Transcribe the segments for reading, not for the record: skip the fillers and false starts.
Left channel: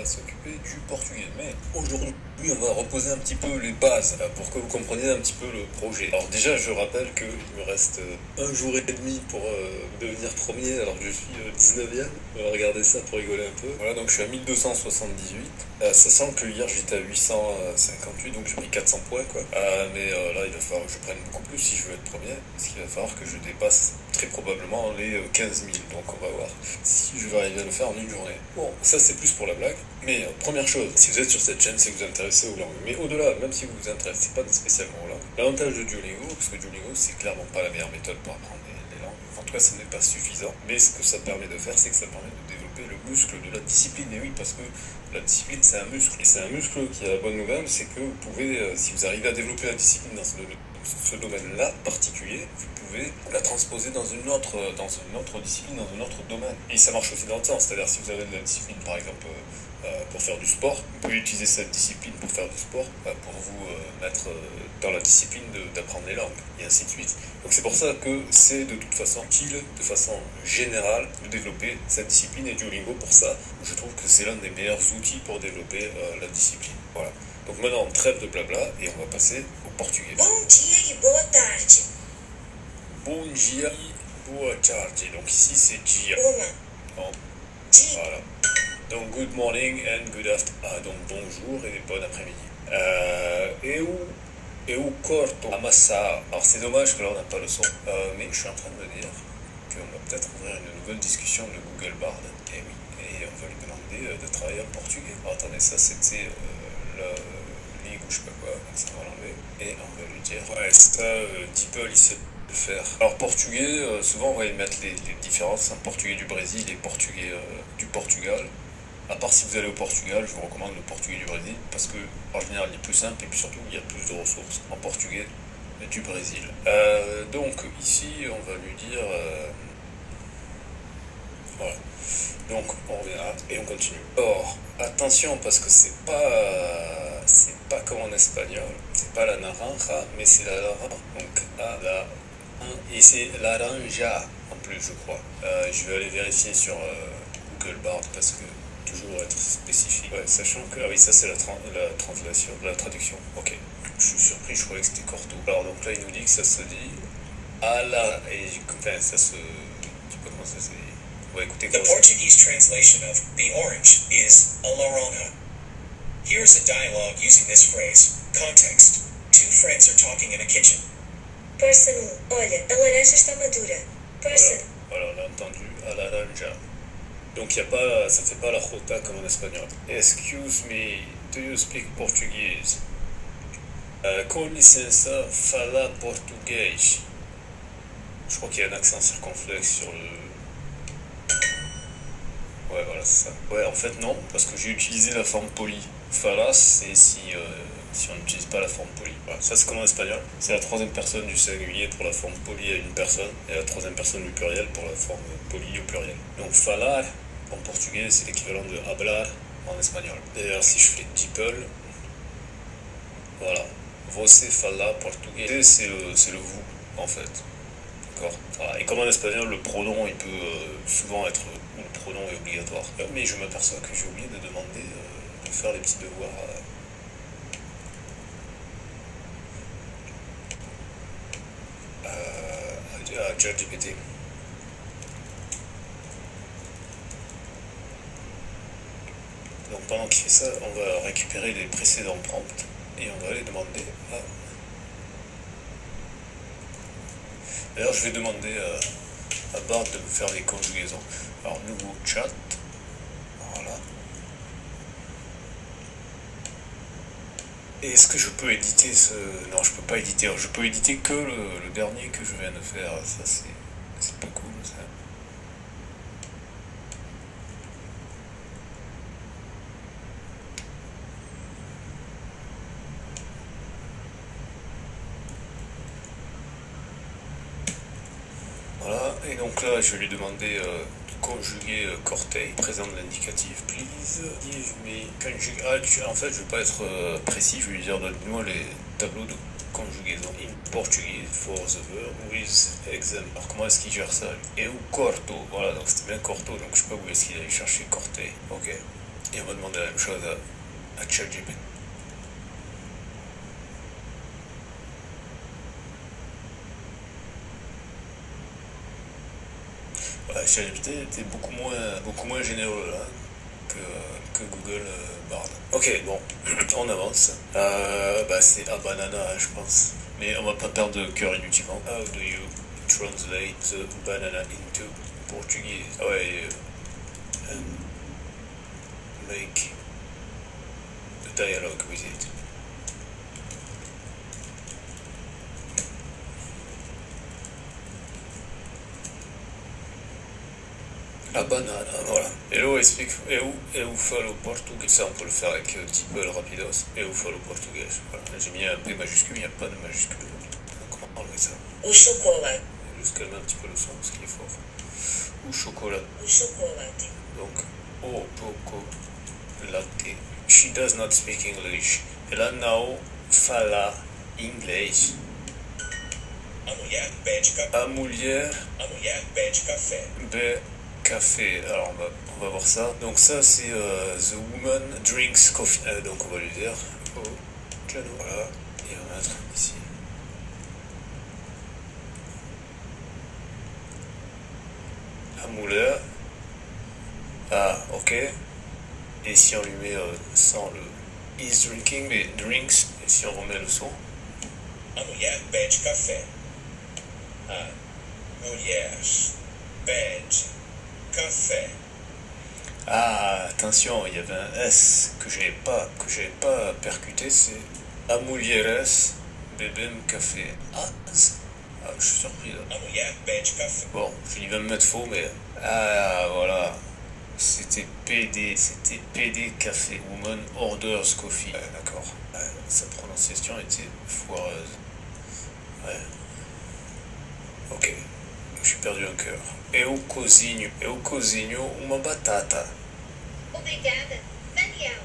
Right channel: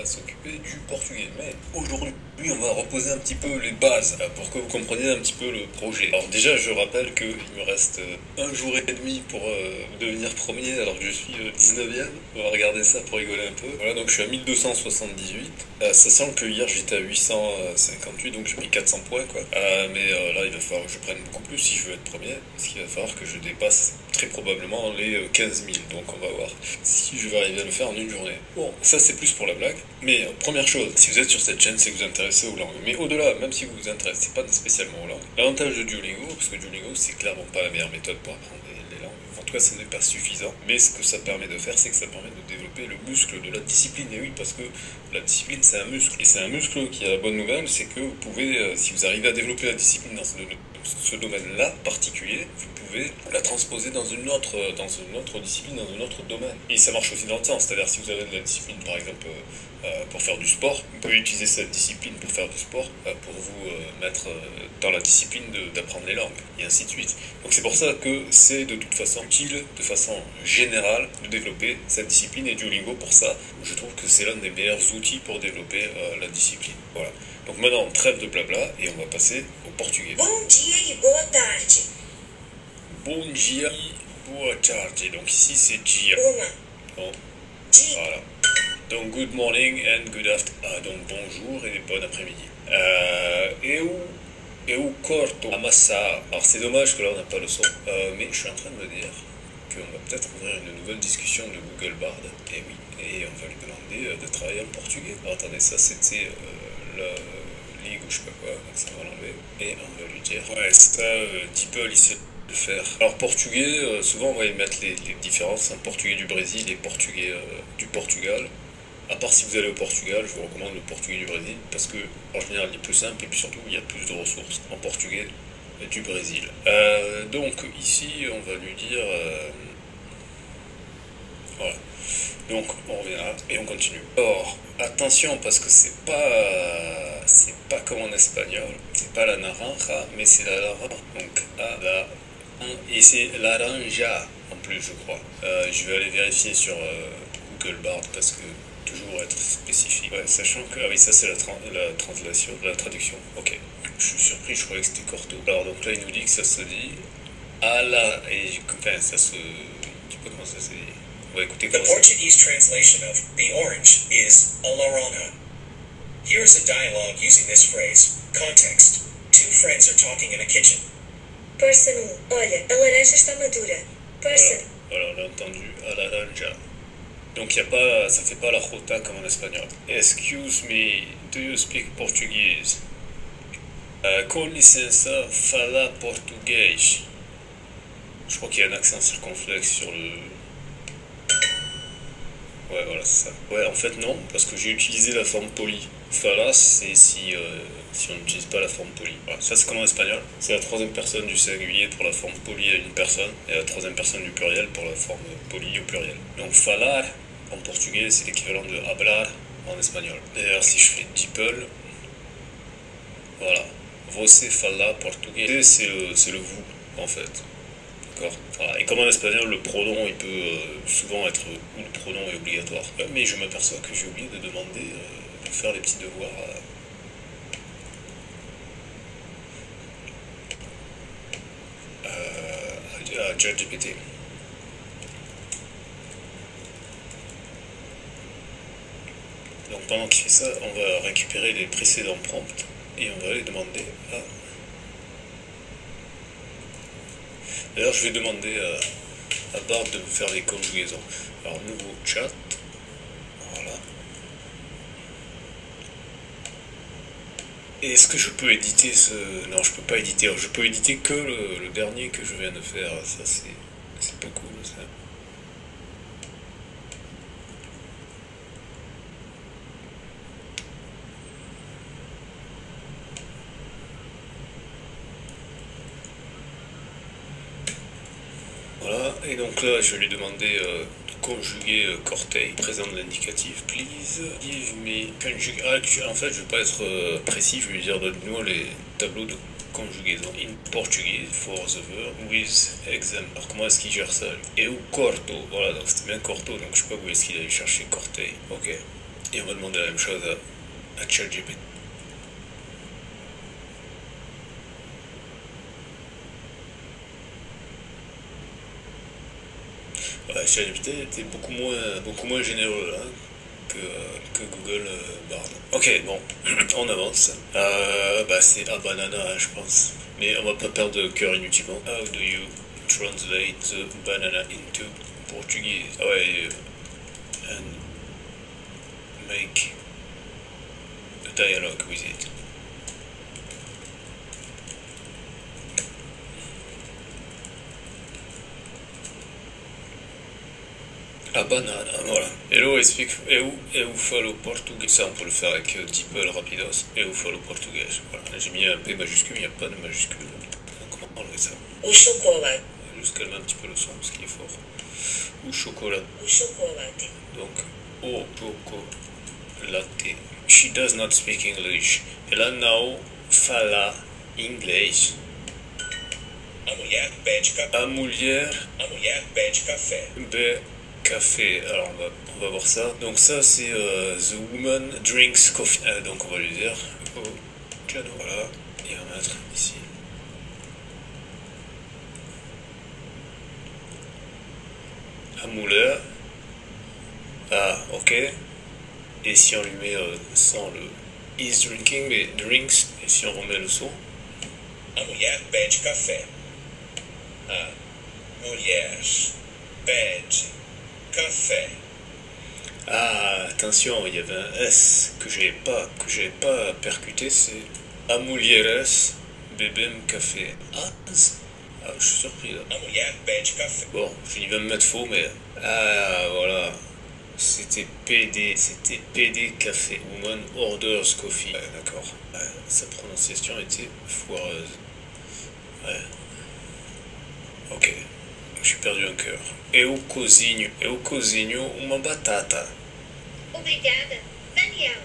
va s'occuper du portugais. Mais aujourd'hui, on va reposer un petit peu les bases pour que vous compreniez un petit peu le projet. Alors déjà, je rappelle qu'il me reste un jour et demi pour devenir premier, alors que je suis 19e. On va regarder ça pour rigoler un peu. Voilà, donc je suis à 1278, sachant que hier j'étais à 858, donc j'ai pris 400 points, quoi. Mais là, il va falloir que je prenne beaucoup plus si je veux être premier, parce qu'il va falloir que je dépasse très probablement les 15 000. Donc on va voir si je vais arriver à le faire en une journée. Bon, ça c'est plus pour la blague. Mais première chose, si vous êtes sur cette chaîne, c'est que vous vous intéressez aux langues. Mais au-delà, même si vous vous intéressez pas spécialement aux langues, l'avantage de Duolingo, parce que Duolingo c'est clairement pas la meilleure méthode pour apprendre les langues. En tout cas, ce n'est pas suffisant. Mais ce que ça permet de faire, c'est que ça permet de développer le muscle de la discipline. Et oui, parce que la discipline, c'est un muscle. Et c'est un muscle qui a la bonne nouvelle, c'est que vous pouvez, si vous arrivez à développer la discipline dans ce domaine-là particulier, vous pouvez la transposer dans une autre discipline, dans un autre domaine. Et ça marche aussi dans le sens, c'est-à-dire si vous avez de la discipline, par exemple, pour faire du sport, vous pouvez utiliser cette discipline pour faire du sport, pour vous mettre dans la discipline d'apprendre les langues, et ainsi de suite. Donc c'est pour ça que c'est de toute façon utile, de façon générale, de développer cette discipline, et Duolingo, pour ça, je trouve que c'est l'un des meilleurs outils pour développer la discipline. Voilà. Donc maintenant, trêve de blabla, et on va passer au portugais. Bom dia e boa tarde. Bon dia e boa tarde. Donc ici c'est dia. Bon. Voilà. Donc good morning and good afternoon. Donc bonjour et bon après-midi. Eu corto amassa. Alors c'est dommage que là on n'a pas le son. Mais je suis en train de me dire qu'on va peut-être ouvrir une nouvelle discussion de Google Bard. Et oui. Et on va lui demander de travailler en portugais. Alors attendez, ça c'était la ligue ou je sais pas quoi. Donc ça va l'enlever. Et on va lui dire. Ouais, ça, DeepL il sait le faire. Alors portugais, souvent on va y mettre les différences. Portugais du Brésil et portugais du Portugal. À part si vous allez au Portugal, je vous recommande le portugais du Brésil parce que en général il est plus simple et puis surtout il y a plus de ressources en portugais du Brésil. Donc ici on va lui dire voilà. Donc on revient et on continue. Or attention parce que c'est pas comme en espagnol, c'est pas la naranja mais c'est la naranja. Donc et c'est laranja en plus je crois. Je vais aller vérifier sur Google Bard parce que toujours être spécifique. Ouais, sachant que, ah oui, ça c'est la translation, la traduction. Ok, je suis surpris, je croyais que c'était corto. Alors donc là il nous dit que ça se dit à la, et enfin ça se, je sais pas comment ça se dit. On va écouter. The Portuguese translation of the orange is a laranja. Here is a dialogue using this phrase. Context. Two friends are talking in a kitchen. Person 1. Olha, a laranja está madura. Person. Voilà, on a entendu à la laranja. Donc y a pas, ça fait pas la jota comme en espagnol. Excuse me, do you speak Portuguese? Com licença, fala português. Je crois qu'il y a un accent circonflexe sur le... Ouais, voilà, c'est ça. Ouais, en fait non, parce que j'ai utilisé la forme polie. Fala, c'est si on n'utilise pas la forme polie. Voilà, ça c'est comme en espagnol. C'est la troisième personne du singulier pour la forme polie à une personne, et la troisième personne du pluriel pour la forme polie au pluriel. Donc falar, en portugais, c'est l'équivalent de hablar en espagnol. D'ailleurs, si je fais DeepL, voilà. Você fala português, c'est le vous, en fait. D'accord. Voilà. Et comme en espagnol, le pronom, il peut souvent être, ou le pronom est obligatoire. Mais je m'aperçois que j'ai oublié de demander de faire les petits devoirs à ChatGPT. Donc pendant qu'il fait ça, on va récupérer les précédents prompts et on va les demander à... D'ailleurs, je vais demander à Bard de me faire les conjugaisons. Alors, nouveau chat. Voilà. Et est-ce que je peux éditer ce... Non, je peux pas éditer. Je peux éditer que le dernier que je viens de faire. Ça, c'est pas cool, ça. Voilà, et donc là, je vais lui demander de conjuguer corte, présent de l'indicatif. Please give me conjugate. En fait, je vais pas être précis, je vais lui dire donne-moi les tableaux de conjugaison in portugais for the verb with exam. Alors, comment est-ce qu'il gère ça? Et ou corto, voilà, donc c'était bien corto, donc je sais pas où est-ce qu'il allait chercher corte. Ok. Et on va demander la même chose à ChatGPT. Ouais, ChatGPT était beaucoup moins généreux là, que Google Bard. Ok, bon, on avance. C'est à banana, je pense. Mais on va pas perdre de cœur inutilement. How do you translate banana into Portuguese? Ah ouais, and make a dialogue with it. La banane, voilà. Hello, explique. Eu falo portugais. Ça, on peut le faire avec DeepL rapidos. Eu falo portugais. Voilà. J'ai mis un P majuscule, il n'y a pas de majuscule. Comment enlever ça? O chocolate. Juste calmer un petit peu le son, ce qui est fort. Ou chocolat. O chocolate. Donc, o chocolate. She does not speak English. Ela não fala inglês. A mulher pede café. A mulher A mulher pede café. bebe café. Alors on va voir ça. Donc ça c'est The Woman Drinks Coffee. Donc on va lui dire au piano. Voilà. Et on va mettre ici. La mulher. Ah ok. Et si on lui met sans le is drinking mais drinks et si on remet le son. A mulher pede café. A mulher pede café. Ah, attention, il y avait un S que j'avais pas percuté, c'est A mulheres bebem café. Je suis surpris là. A mulher pede café. Bon, je vais me mettre faux, mais voilà, c'était PD café. Woman orders coffee. Ouais, d'accord. Ouais, sa prononciation était foireuse. Ouais. Ok. J'ai perdu un cœur. Eu cozinho uma batata. Obrigada, Daniel.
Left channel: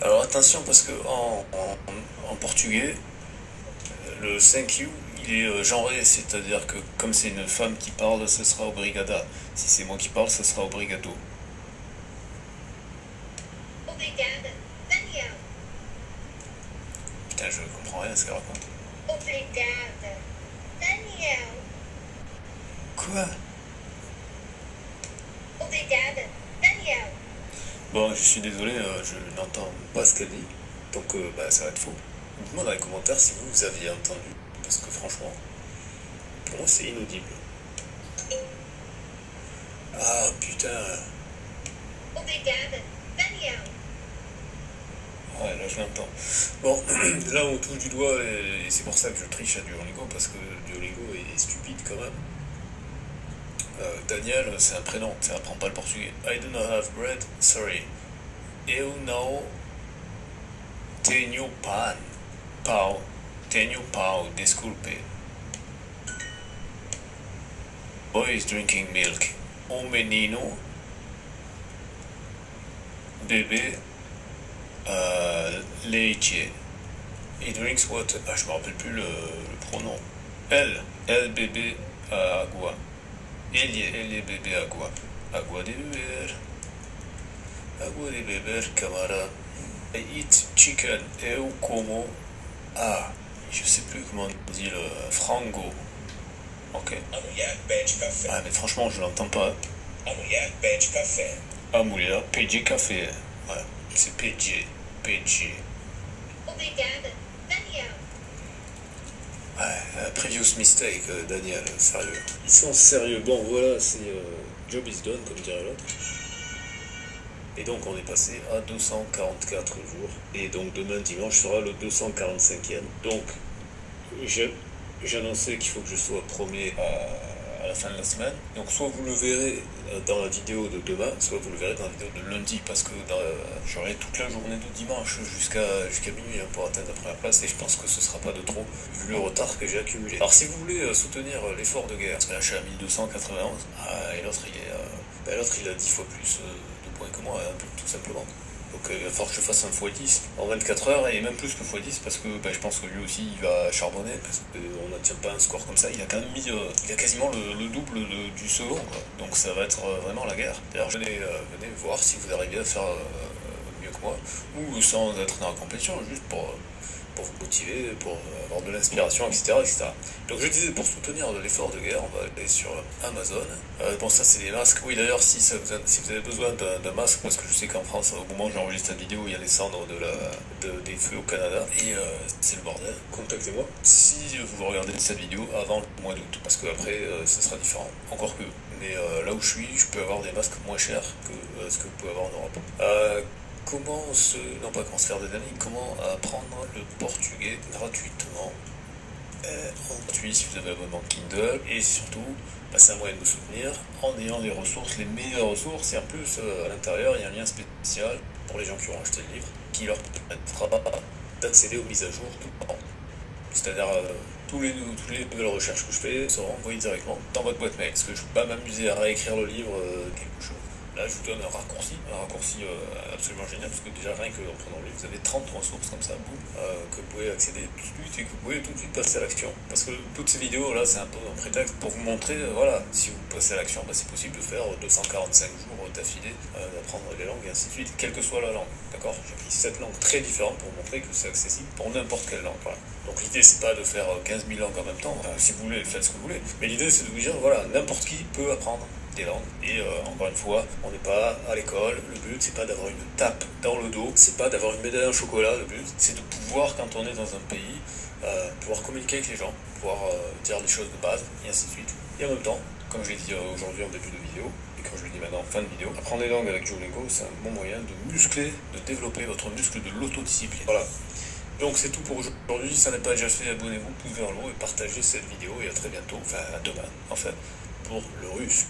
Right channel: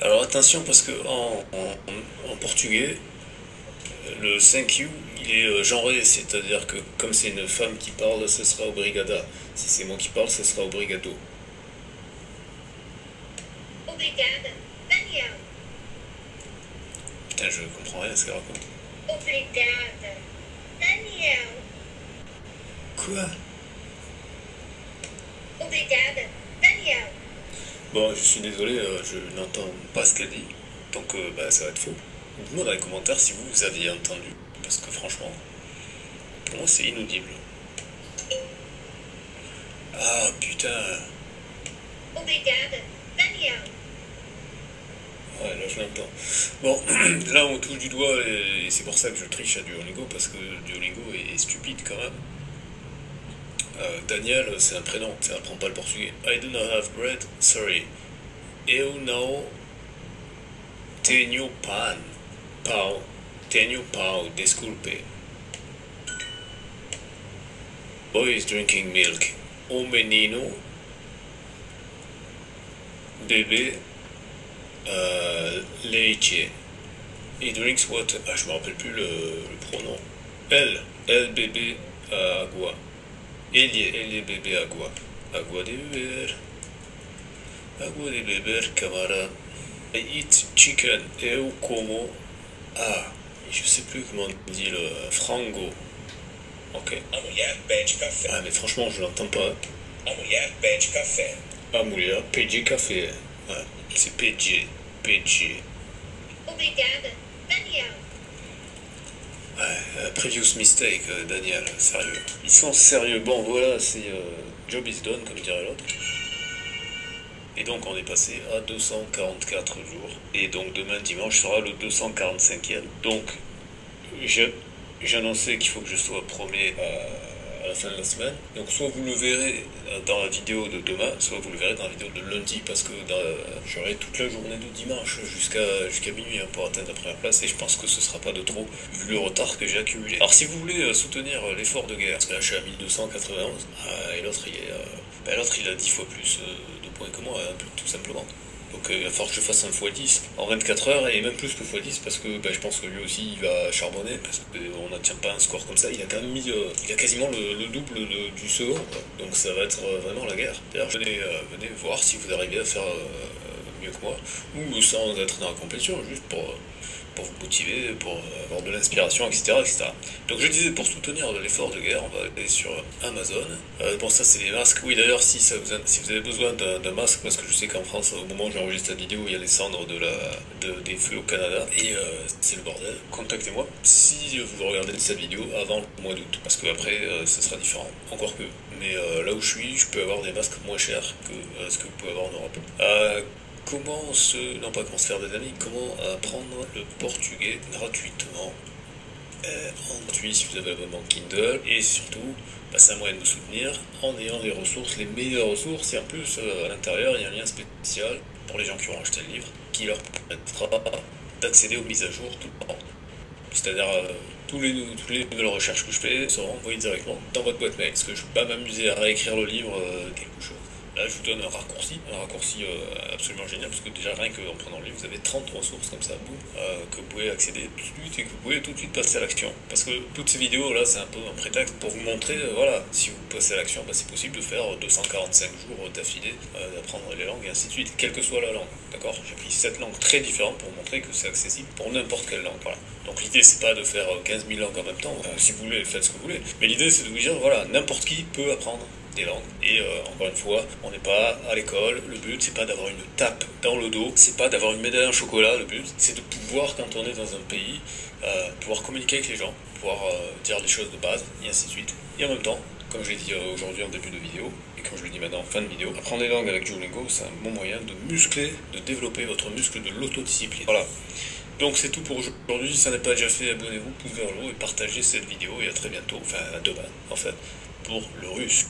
Alors attention parce que en portugais, le thank you il est genré, c'est-à-dire que comme c'est une femme qui parle, ce sera obrigada. Si c'est moi qui parle, ce sera obrigado. Obrigada, Daniel. Putain, je comprends rien à ce qu'elle raconte. Obrigada, Daniel. Quoi? Obrigada, Daniel. Bon, je suis désolé, je n'entends pas ce qu'elle dit, donc ça va être faux. Dites-moi dans les commentaires si vous aviez entendu, parce que franchement, pour moi c'est inaudible. Ah putain. Obrigada, Daniel. Ouais, là je l'entends. Bon, là on touche du doigt et c'est pour ça que je triche à Duolingo, parce que Duolingo est stupide quand même. Daniel, c'est un prénom, ça apprend pas le portugais. I do not have bread, sorry. Eu não tenho pão. Tenho pão, desculpe. Boy is drinking milk. O menino bebe leite. He drinks water. Ah, je me rappelle plus le pronom. Elle bebe agua. Ele bebe agua. Agua de beber. Agua de beber, camarade. I eat chicken. Eu como. Ah, je sais plus comment on dit le frango. Ok. A mulher pede café. Ah, mais franchement, je l'entends pas. A mulher pede café. A mulher pede café. Ouais, c'est PG. Obrigada, Daniel. Ouais, previous mistake, Daniel, sérieux. Ils sont sérieux. Bon, voilà, c'est job is done, comme dirait l'autre. Et donc, on est passé à 244 jours. Et donc, demain, dimanche, sera le 245e. Donc, j'annonçais qu'il faut que je sois premier à la fin de la semaine. Donc, soit vous le verrez dans la vidéo de demain, soit vous le verrez dans la vidéo de lundi, parce que j'aurai toute la journée de dimanche jusqu'à minuit pour atteindre la première place, et je pense que ce sera pas de trop, vu le retard que j'ai accumulé. Alors, si vous voulez soutenir l'effort de guerre, parce que là, je suis à 1291, et l'autre, il a 10 fois plus de points que moi, tout simplement. Donc il va falloir que je fasse un x10 en 24 heures et même plus que x10 parce que je pense que lui aussi il va charbonner parce qu'on n'atteint pas un score comme ça. Il a quand même mis, il a quasiment le double du second, quoi. Donc ça va être vraiment la guerre. D'ailleurs venez voir si vous arrivez à faire mieux que moi ou sans être dans la compétition, juste pour vous motiver, pour avoir de l'inspiration, etc. Donc je disais, pour soutenir l'effort de guerre, on va aller sur Amazon. Bon, ça c'est les masques. Oui, d'ailleurs, si vous avez besoin d'un masque, parce que je sais qu'en France, au moment où j'enregistre cette vidéo, il y a les cendres des feux au Canada, et c'est le bordel. Contactez-moi si vous regardez cette vidéo avant le mois d'août, parce qu'après, ce sera différent. Encore que. Mais là où je suis, je peux avoir des masques moins chers que ce que vous pouvez avoir en Europe. Comment faire des amis, comment apprendre le portugais gratuitement en gratuit si vous avez l'abonnement Kindle, et surtout c'est un moyen de vous soutenir en ayant les ressources, les meilleures ressources, et en plus à l'intérieur il y a un lien spécial pour les gens qui auront acheté le livre qui leur permettra d'accéder aux mises à jour tout le temps. C'est-à-dire tous les nouvelles recherches que je fais seront envoyées directement dans votre boîte mail, parce que je ne vais pas m'amuser à réécrire le livre quelque chose. Là, je vous donne un raccourci absolument génial, parce que déjà, rien qu'en prenant le livre, vous avez 30 ressources comme ça, que vous pouvez accéder tout de suite et que vous pouvez tout de suite passer à l'action. Parce que toutes ces vidéos, là, c'est un peu un prétexte pour vous montrer, voilà, si vous passez à l'action, c'est possible de faire 245 jours d'affilée, d'apprendre les langues et ainsi de suite, quelle que soit la langue. D'accord? J'ai pris 7 langues très différentes pour montrer que c'est accessible pour n'importe quelle langue. Voilà. Donc l'idée, c'est pas de faire 15 000 langues en même temps, si vous voulez, faites ce que vous voulez. Mais l'idée, c'est de vous dire, voilà, n'importe qui peut apprendre des langues. Et encore une fois, on n'est pas à l'école, le but c'est pas d'avoir une tape dans le dos, c'est pas d'avoir une médaille en chocolat, le but c'est de pouvoir, quand on est dans un pays, pouvoir communiquer avec les gens, pouvoir dire des choses de base, et ainsi de suite. Et en même temps, comme je l'ai dit aujourd'hui en début de vidéo, et comme je le dis maintenant en fin de vidéo, apprendre des langues avec Duolingo, c'est un bon moyen de muscler, de développer votre muscle de l'autodiscipline. Voilà. Donc c'est tout pour aujourd'hui. Si ça n'est pas déjà fait, abonnez-vous, pouce vers le haut et partagez cette vidéo. Et à très bientôt, enfin à demain en fait, pour le russe.